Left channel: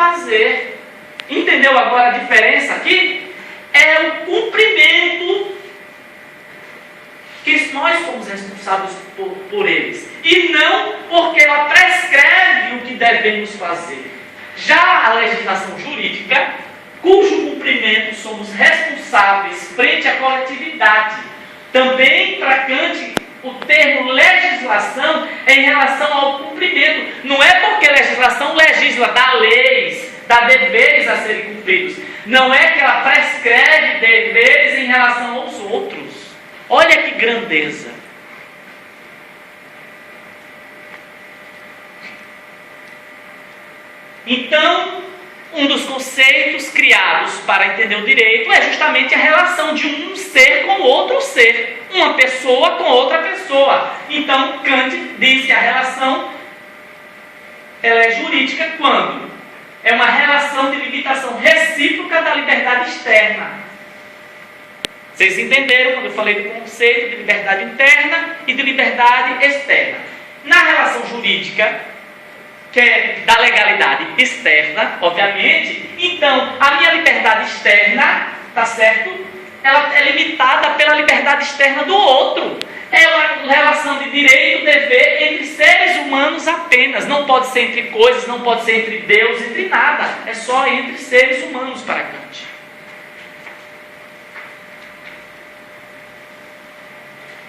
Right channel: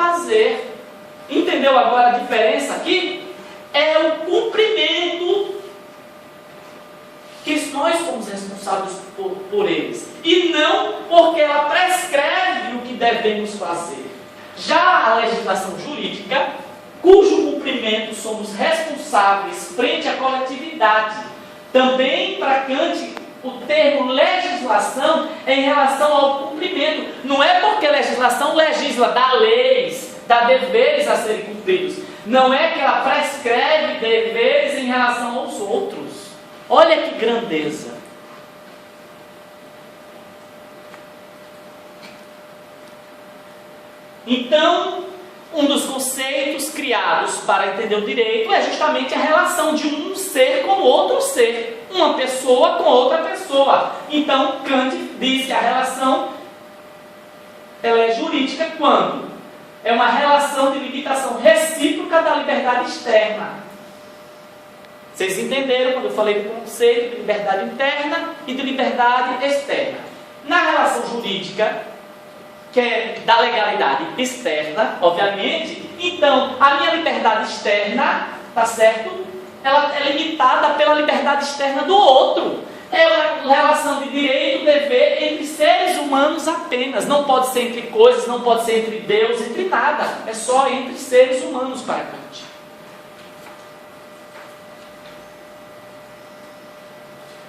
fazer. Entendeu agora a diferença aqui? É o cumprimento que nós somos responsáveis por eles. E não porque ela prescreve o que devemos fazer. Já a legislação jurídica, cujo cumprimento somos responsáveis frente à coletividade. Também, para Kant, o termo legislação é em relação ao cumprimento. Não é porque legislação legisla, dá leis, dá deveres a serem cumpridos. Não é que ela prescreve deveres em relação aos outros. Olha que grandeza. Então, um dos conceitos criados para entender o direito é justamente a relação de um ser com outro ser, uma pessoa com outra pessoa. Então, Kant diz que a relação ela é jurídica quando é uma relação de limitação recíproca da liberdade externa. Vocês entenderam quando eu falei do conceito de liberdade interna e de liberdade externa. Na relação jurídica, que é da legalidade externa, obviamente, então a minha liberdade externa, tá certo? Ela é limitada pela liberdade externa do outro. É uma relação de direito, dever entre seres humanos apenas. Não pode ser entre coisas, não pode ser entre Deus, entre nada. É só entre seres humanos para Kant.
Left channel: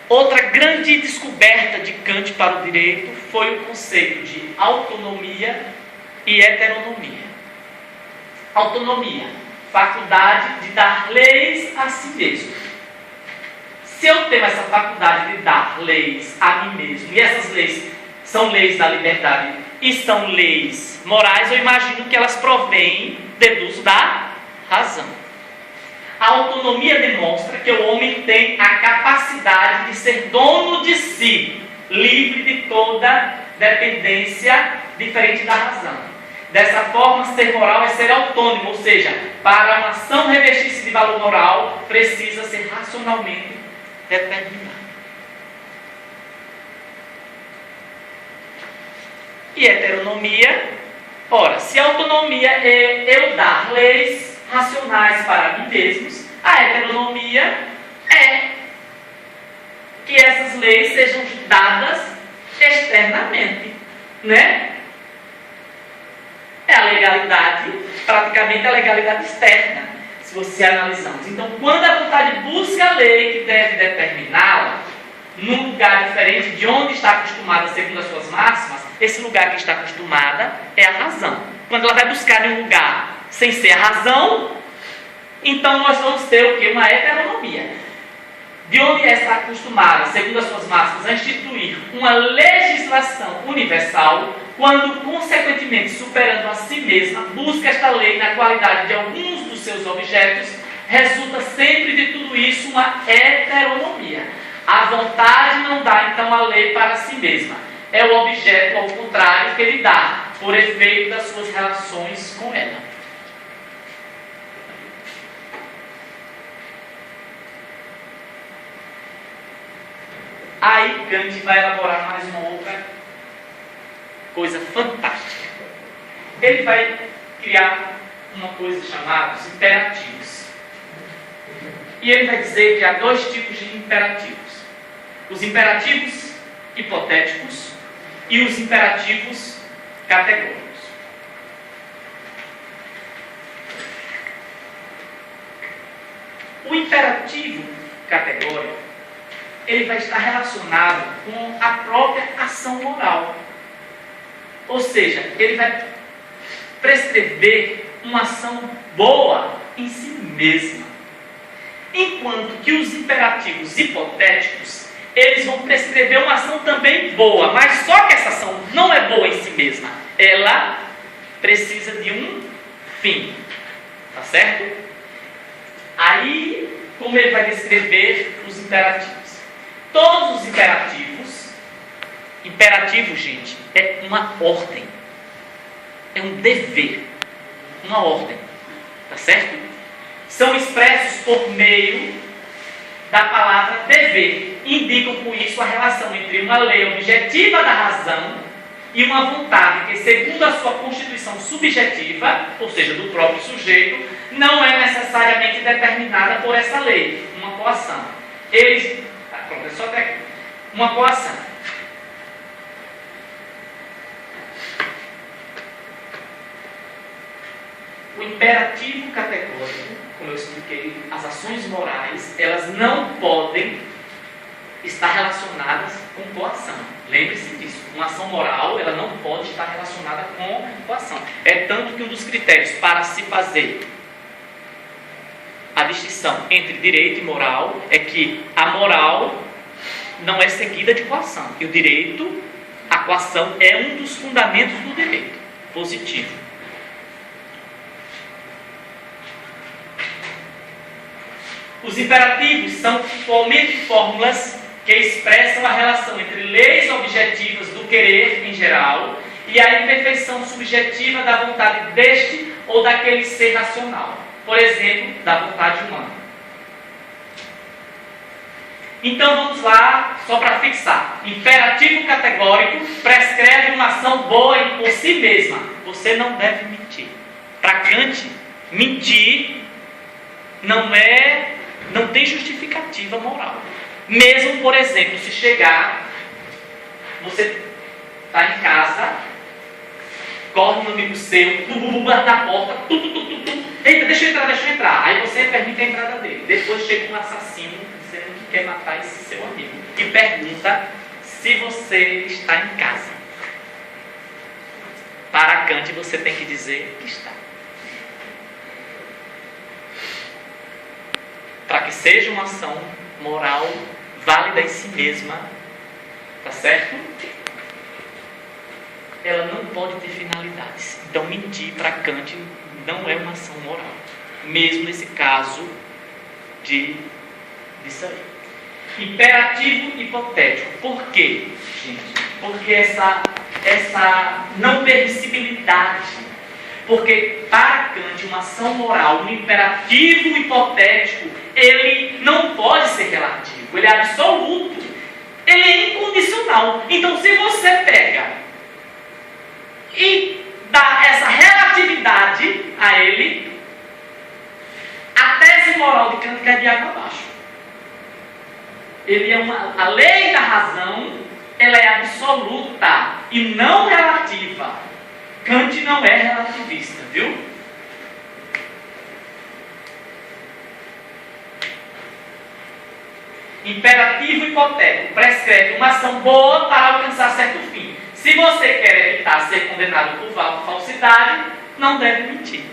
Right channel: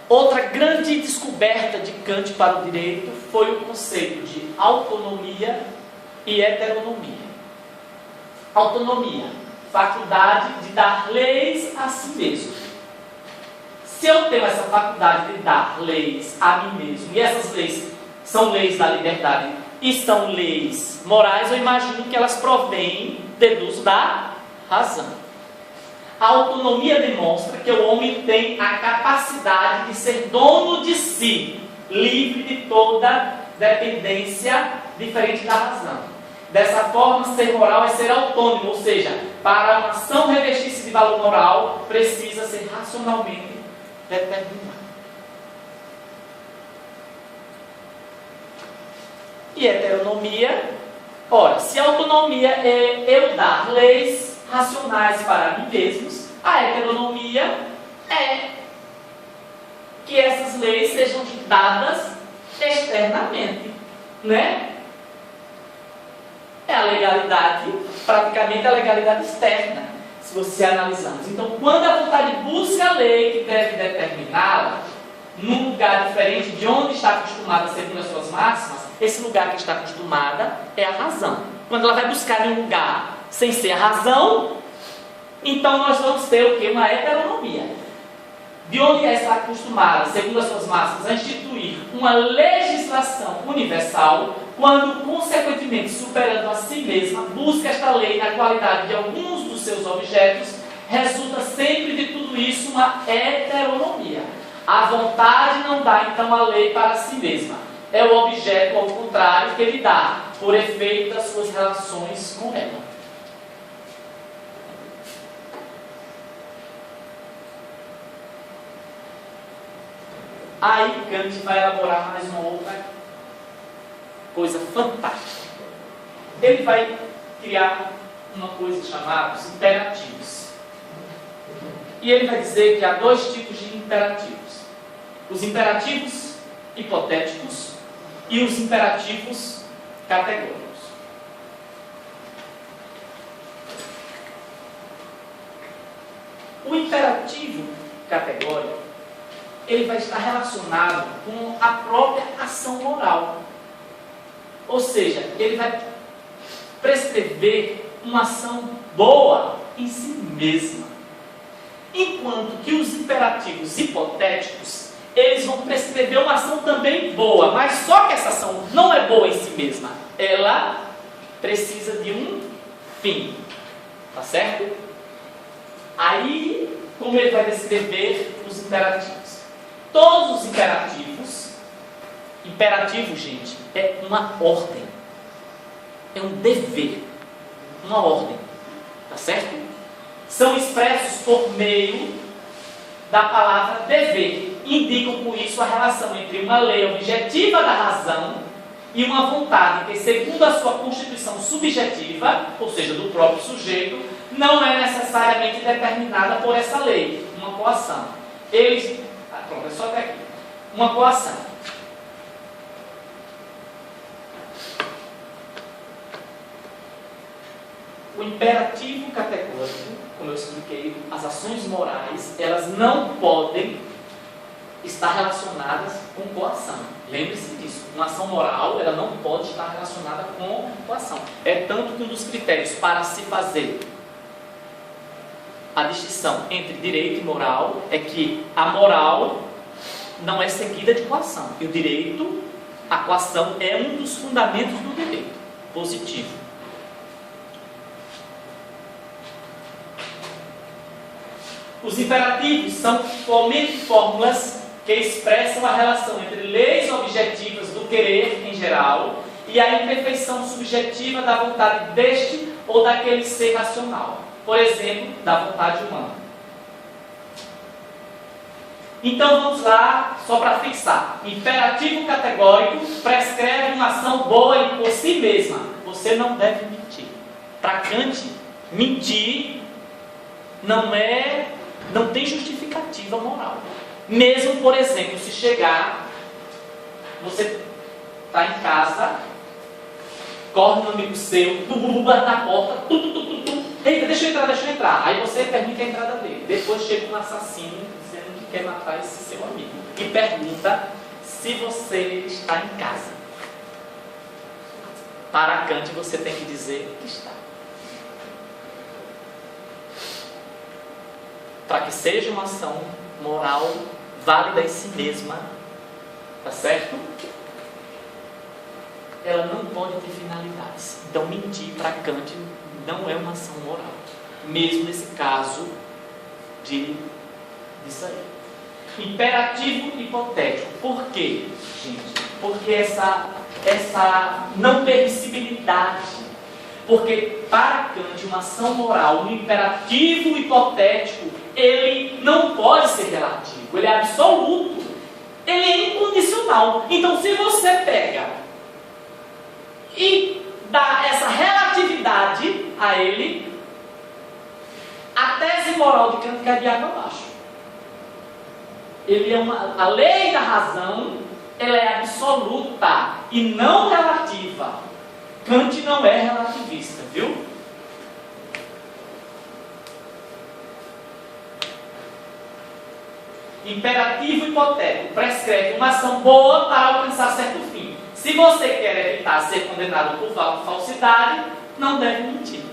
Outra grande descoberta de Kant para o direito foi o conceito de autonomia e heteronomia. Autonomia, faculdade de dar leis a si mesmo. Se eu tenho essa faculdade de dar leis a mim mesmo, e essas leis são leis da liberdade e são leis morais, eu imagino que elas provêm, deduzo, da razão. A autonomia demonstra que o homem tem a capacidade de ser dono de si, livre de toda dependência diferente da razão. Dessa forma, ser moral é ser autônomo, ou seja, para uma ação revestir-se de valor moral, precisa ser racionalmente determinada. E heteronomia, ora, se a autonomia é eu dar leis racionais para mim mesmos, a heteronomia é que essas leis sejam dadas externamente, né? É a legalidade, praticamente a legalidade externa, se você analisarmos. Então, quando a vontade busca a lei que deve determiná-la, num lugar diferente de onde está acostumada segundo as suas máximas, esse lugar que está acostumada é a razão. Quando ela vai buscar em um lugar sem ser a razão, então nós vamos ter o quê? Uma heteronomia. De onde ela está acostumada, segundo as suas máximas, a instituir uma legislação universal, quando, consequentemente, superando a si mesma, busca esta lei na qualidade de alguns dos seus objetos, resulta sempre de tudo isso uma heteronomia. A vontade não dá, então, a lei para si mesma. É o objeto, ao contrário, que ele dá, por efeito das suas relações com ela. Aí Kant vai elaborar mais uma outra coisa fantástica. Ele vai criar uma coisa chamada os imperativos. E ele vai dizer que há dois tipos de imperativos. Os imperativos hipotéticos e os imperativos categóricos. O imperativo categórico, ele vai estar relacionado com a própria ação moral. Ou seja, ele vai prescrever uma ação boa em si mesma. Enquanto que os imperativos hipotéticos, eles vão prescrever uma ação também boa, mas só que essa ação não é boa em si mesma. Ela precisa de um fim. Tá certo? Aí, como ele vai descrever os imperativos? Todos os imperativos, imperativo, gente, é uma ordem, é um dever, uma ordem, tá certo? São expressos por meio da palavra dever, indicam com isso a relação entre uma lei objetiva da razão e uma vontade que, segundo a sua constituição subjetiva, ou seja, do próprio sujeito, não é necessariamente determinada por essa lei, uma coação. Pronto, é só até aqui. Uma coação. O imperativo categórico, como eu expliquei, as ações morais, elas não podem estar relacionadas com coação. Lembre-se disso. Uma ação moral, ela não pode estar relacionada com coação. É tanto que um dos critérios para se fazer a distinção entre direito e moral é que a moral não é seguida de coação. E o direito, a coação é um dos fundamentos do direito positivo. Os imperativos são somente fórmulas que expressam a relação entre leis objetivas do querer em geral e a imperfeição subjetiva da vontade deste ou daquele ser racional, por exemplo, da vontade humana. Então vamos lá, só para fixar. Imperativo categórico prescreve uma ação boa por si mesma. Você não deve mentir. Para Kant, mentir não tem justificativa moral. Mesmo, por exemplo, se chegar, você está em casa, corre um amigo seu, bate na porta, eita, deixa eu entrar. Aí você permite a entrada dele. Depois chega um assassino dizendo que quer matar esse seu amigo e pergunta se você está em casa. Para Kant, você tem que dizer que está. Para que seja uma ação moral válida em si mesma, tá certo? Ela não pode ter finalidades. Então, mentir para Kant não é uma ação moral. Mesmo nesse caso disso aí. Imperativo hipotético. Por quê, gente? Porque essa não permissibilidade. Porque para Kant, uma ação moral, um imperativo hipotético, ele não pode ser relativo, ele é absoluto, ele é incondicional. Então, se você pega e dá essa relatividade a ele, a tese moral de Kant cai de água abaixo. A lei da razão, ela é absoluta e não relativa. Kant não é relativista, viu? Imperativo hipotético prescreve uma ação boa para alcançar certo fim. Se você quer evitar ser condenado por falsidade, não deve mentir.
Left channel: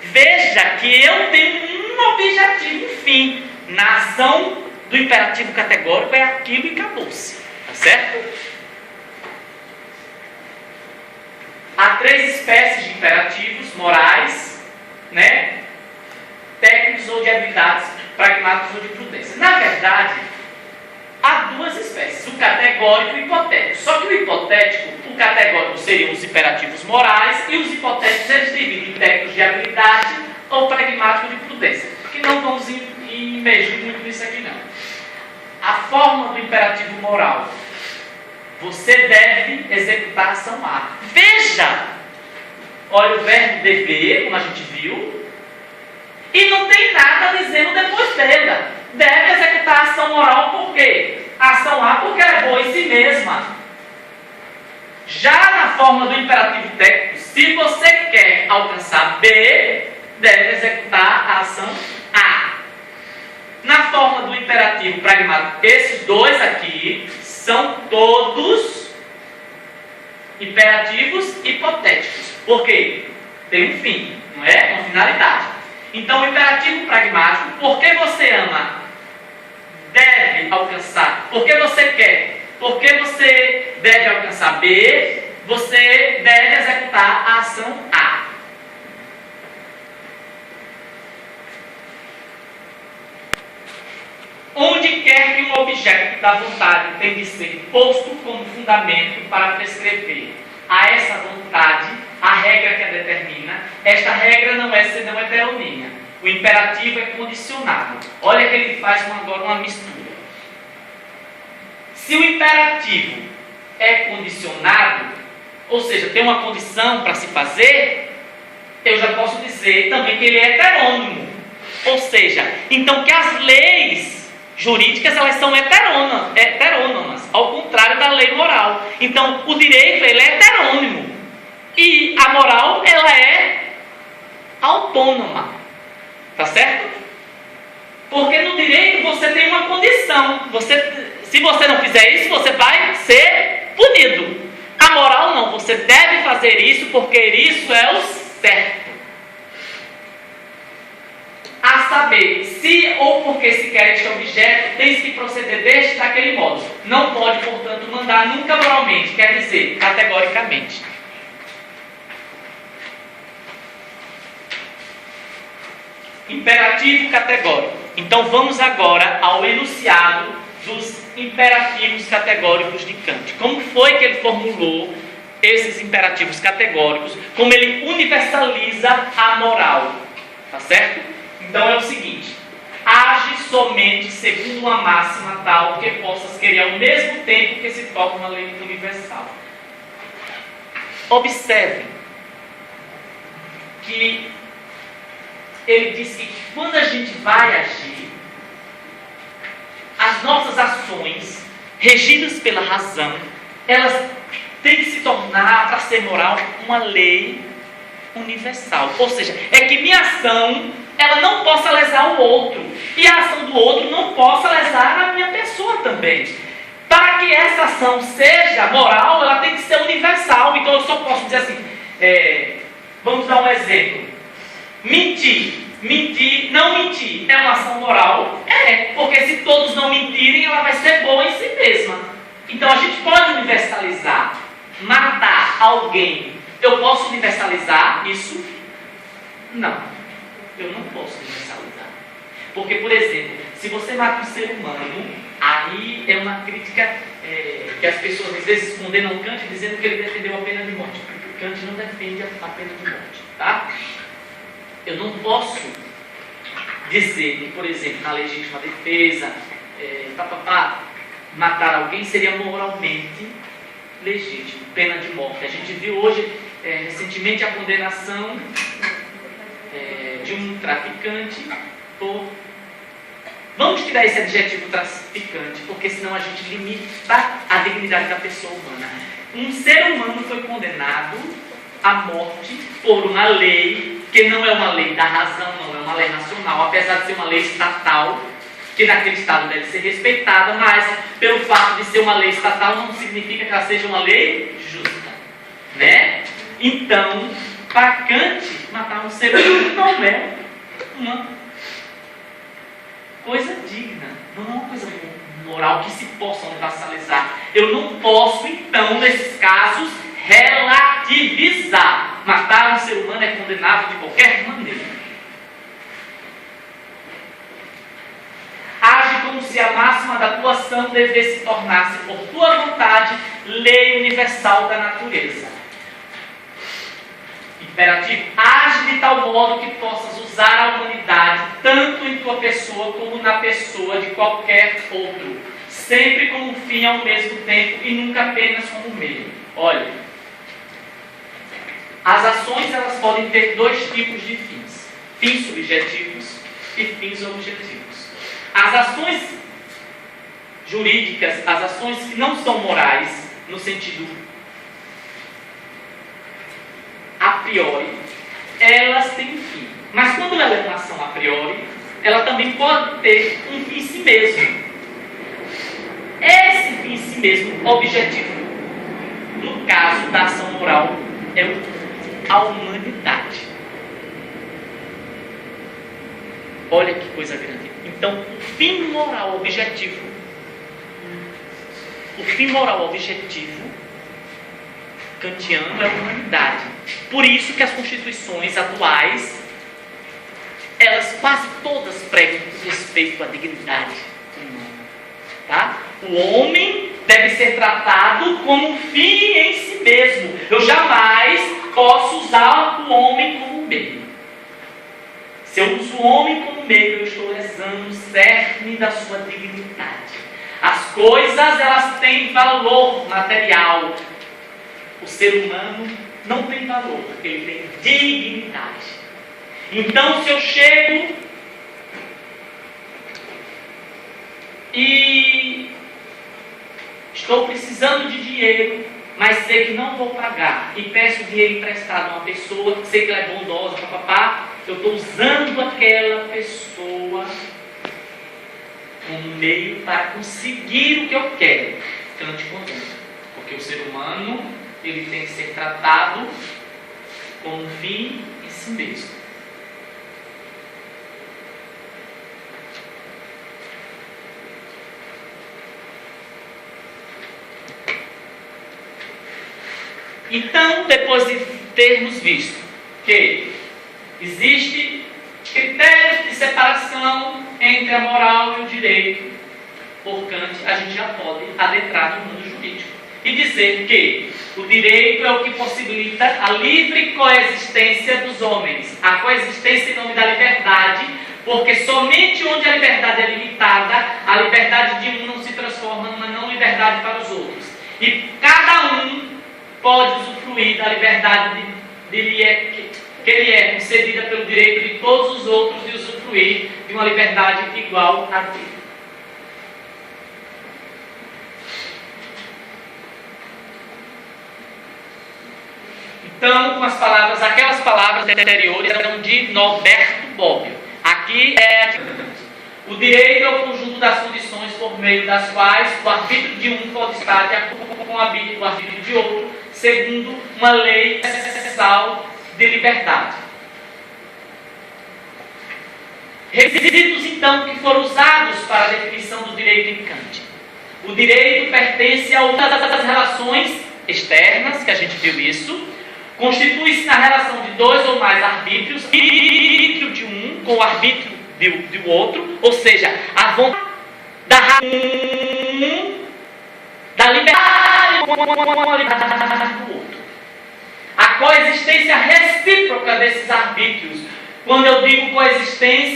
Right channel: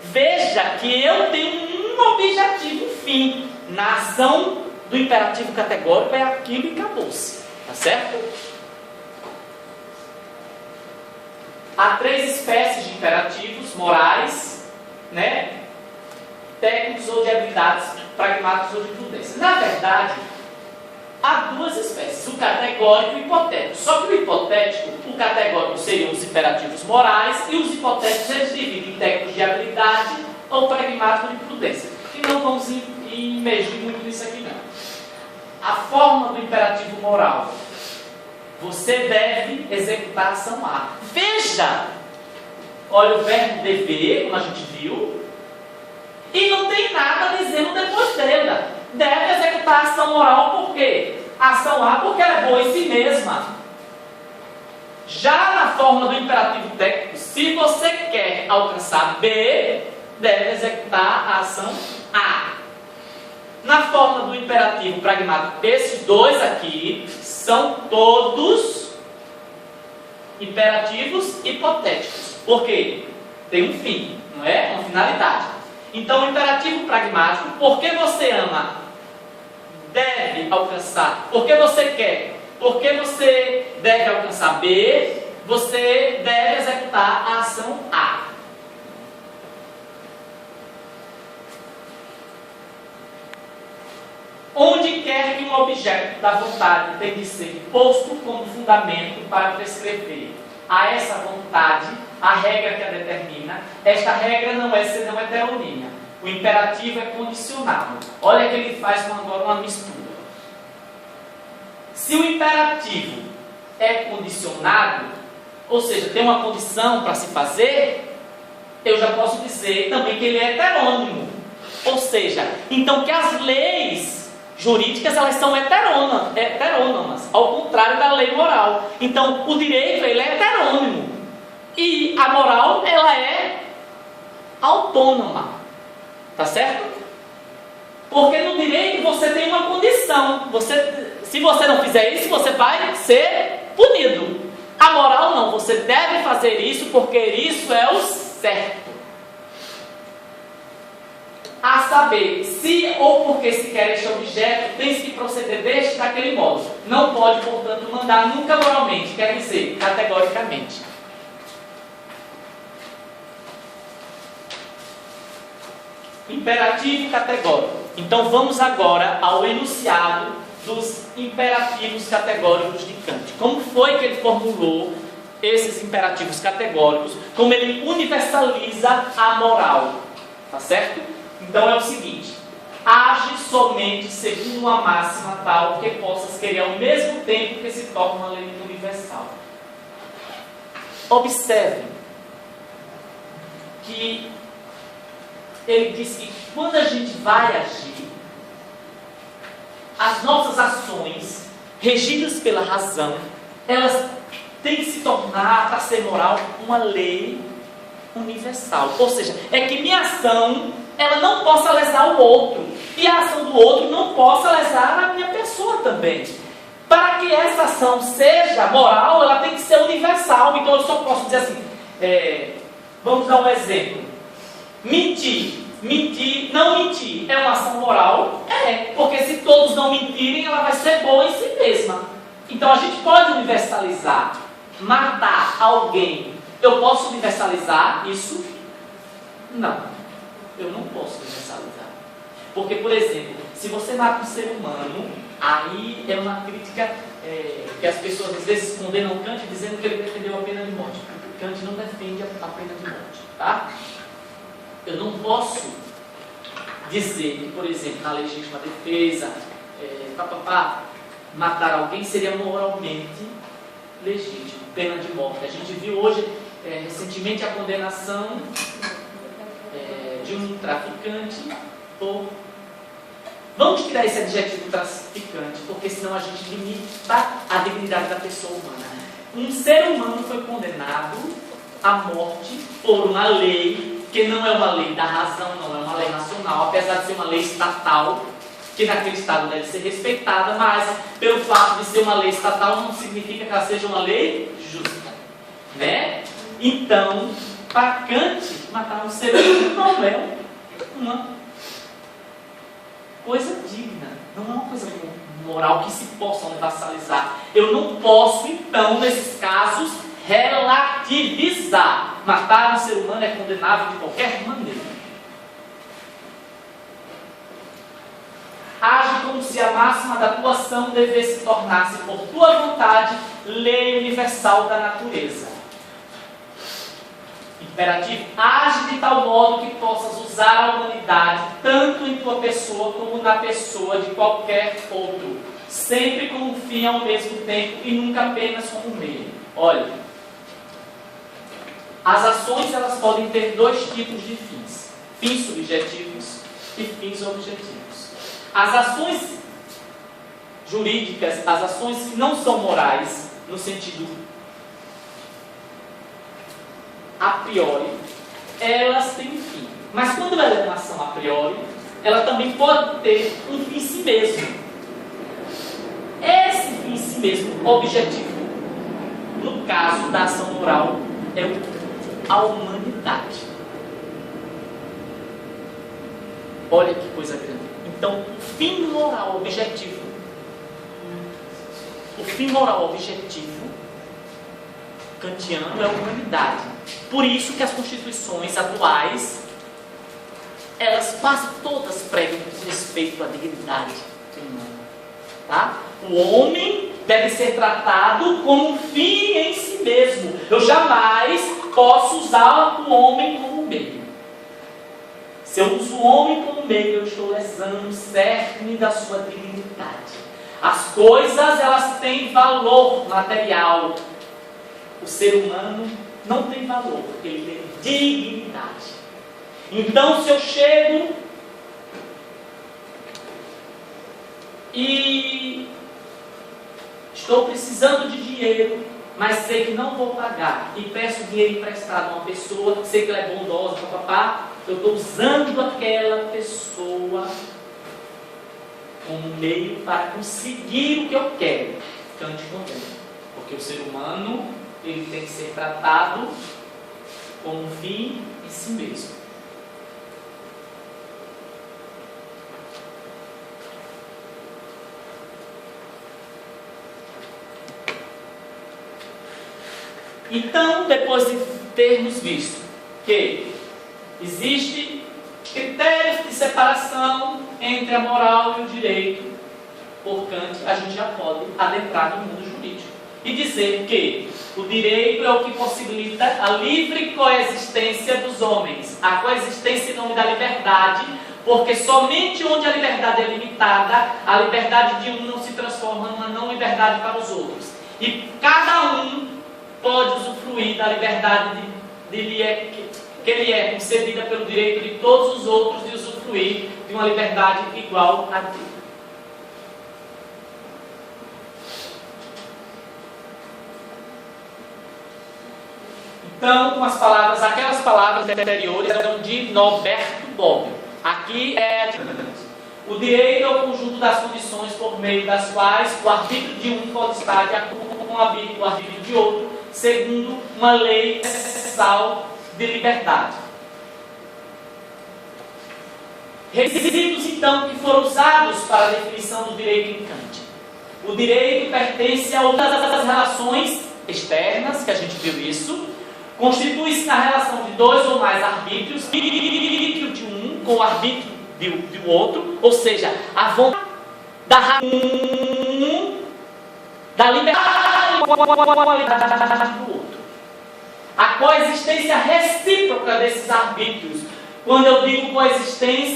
Veja que eu tenho um objetivo, um fim. Na ação do imperativo categórico é aquilo e acabou-se. Tá certo? Há 3 espécies de imperativos morais, né? Técnicos ou de habilidades pragmáticos ou de prudência. Na verdade, há 2 espécies, o categórico e o hipotético. Só que o hipotético, o categórico seriam os imperativos morais e os hipotéticos eles dividem em técnicos de habilidade ou pragmáticos de prudência, que não vamos imergir muito nisso aqui não. A forma do imperativo moral: você deve executar a ação A. Veja! Olha o verbo dever, como a gente viu, e não tem nada dizendo depois dela. Deve executar a ação moral por quê? A ação A porque ela é boa em si mesma. Já na forma do imperativo técnico, se você quer alcançar B, deve executar a ação A. Na forma do imperativo pragmático, esses 2 aqui são todos imperativos hipotéticos. Por quê? Tem um fim, não é? Uma finalidade. Então, o imperativo pragmático, porque você ama, deve alcançar. Porque você quer, porque você deve alcançar B, você deve executar a ação A. Onde quer que um objeto da vontade tem de ser posto como fundamento para prescrever a essa vontade a regra que a determina, esta regra não é heterogênea. O imperativo é condicionado. Olha que ele faz agora uma mistura. Se o imperativo é condicionado, ou seja, tem uma condição para se fazer, eu já posso dizer também que ele é heterônimo. Ou seja, então que as leis jurídicas elas são heterônomas, ao contrário da lei moral. Então o direito ele é heterônimo e a moral ela é autônoma, tá certo? Porque no direito você tem uma condição, se você não fizer isso você vai ser punido. A moral não, você deve fazer isso porque isso é o certo. A saber, se ou porque se quer este objeto, tens que proceder deste daquele modo. Não pode, portanto, mandar nunca moralmente, quer dizer, categoricamente. Imperativo categórico. Então vamos agora ao enunciado dos imperativos categóricos de Kant. Como foi que ele formulou esses imperativos categóricos? Como ele universaliza a moral? Tá certo? Então é o seguinte: age somente segundo uma máxima tal que possas querer ao mesmo tempo que se torna uma lei universal. Observem que ele diz que quando a gente vai agir, as nossas ações, regidas pela razão, elas têm que se tornar, para ser moral, uma lei universal. Ou seja, é que minha ação ela não possa lesar o outro, e a ação do outro não possa lesar a minha pessoa também. Para que essa ação seja moral, ela tem que ser universal. Então eu só posso dizer assim, vamos dar um exemplo. Mentir, não mentir, é uma ação moral? Porque se todos não mentirem, ela vai ser boa em si mesma. Então a gente pode universalizar. Matar alguém, eu posso universalizar isso? Não, eu não posso universalizar. Porque, por exemplo, se você mata um ser humano, aí é uma crítica que as pessoas às vezes condenam Kant dizendo que ele defendeu a pena de morte. Porque Kant não defende a pena de morte, tá? Eu não posso dizer que, por exemplo, na legítima defesa, matar alguém seria moralmente legítimo, pena de morte. A gente viu hoje, recentemente, a condenação de um traficante por... Vamos tirar esse adjetivo traficante, porque senão a gente limita a dignidade da pessoa humana. Um ser humano foi condenado à morte por uma lei que não é uma lei da razão, não é uma lei racional, apesar de ser uma lei estatal, que naquele estado deve ser respeitada, mas pelo fato de ser uma lei estatal não significa que ela seja uma lei justa, né? Então, para Kant, matar um ser humano não é uma coisa digna, não é uma coisa moral que se possa universalizar. Eu não posso, então, nesses casos, relativizar. Matar um ser humano é condenável de qualquer maneira. Age como se a máxima da tua ação devesse tornar-se, por tua vontade, lei universal da natureza. Imperativo: age de tal modo que possas usar a humanidade tanto em tua pessoa como na pessoa de qualquer outro, sempre como fim ao mesmo tempo e nunca apenas como meio. Olha, as ações elas podem ter dois tipos de fins: fins subjetivos e fins objetivos. As ações jurídicas, as ações que não são morais, no sentido a priori, elas têm um fim. Mas quando ela é uma ação a priori, ela também pode ter um fim em si mesmo. Esse fim em si mesmo, objetivo, no caso da ação moral, é a humanidade. Olha que coisa grande. Então, o fim moral objetivo, kantiano é a humanidade. Por isso que as constituições atuais, elas quase todas pregam respeito à dignidade humana. Tá? O homem deve ser tratado como um fim em si mesmo. Eu jamais posso usar o homem como meio. Se eu uso o homem como meio, eu estou lesando o cerne da sua dignidade. As coisas, elas têm valor material. O ser humano não tem valor, porque ele tem dignidade. Então, se eu chego e estou precisando de dinheiro, mas sei que não vou pagar, e peço dinheiro emprestado a uma pessoa, sei que ela é bondosa, papapá, eu estou usando aquela pessoa como meio para conseguir o que eu quero. Então, te condeno. Porque o ser humano, ele tem que ser tratado como um fim em si mesmo. Então, depois de termos visto que existe critérios de separação entre a moral e o direito, por Kant, a gente já pode adentrar no mundo jurídico e dizer que o direito é o que possibilita a livre coexistência dos homens, a coexistência em nome da liberdade, porque somente onde a liberdade é limitada, a liberdade de um não se transforma numa não liberdade para os outros. E cada um pode usufruir da liberdade que lhe é concedida pelo direito de todos os outros de usufruir de uma liberdade igual a dele. Então, com as palavras, aquelas palavras anteriores eram de Norberto Bobbio. Aqui é o direito é o conjunto das condições por meio das quais o arbítrio de um pode estar de acordo com o arbítrio de outro, segundo uma lei universal de liberdade. Requisitos, então, que foram usados para a definição do direito em Kant. O direito pertence a todas as relações externas, que a gente viu isso, constitui-se na relação de dois ou mais arbítrios, arbítrio de um com o arbítrio do outro, ou seja, a vontade da liberdade com a liberdade do outro. A coexistência recíproca desses arbítrios. Quando eu digo coexistência,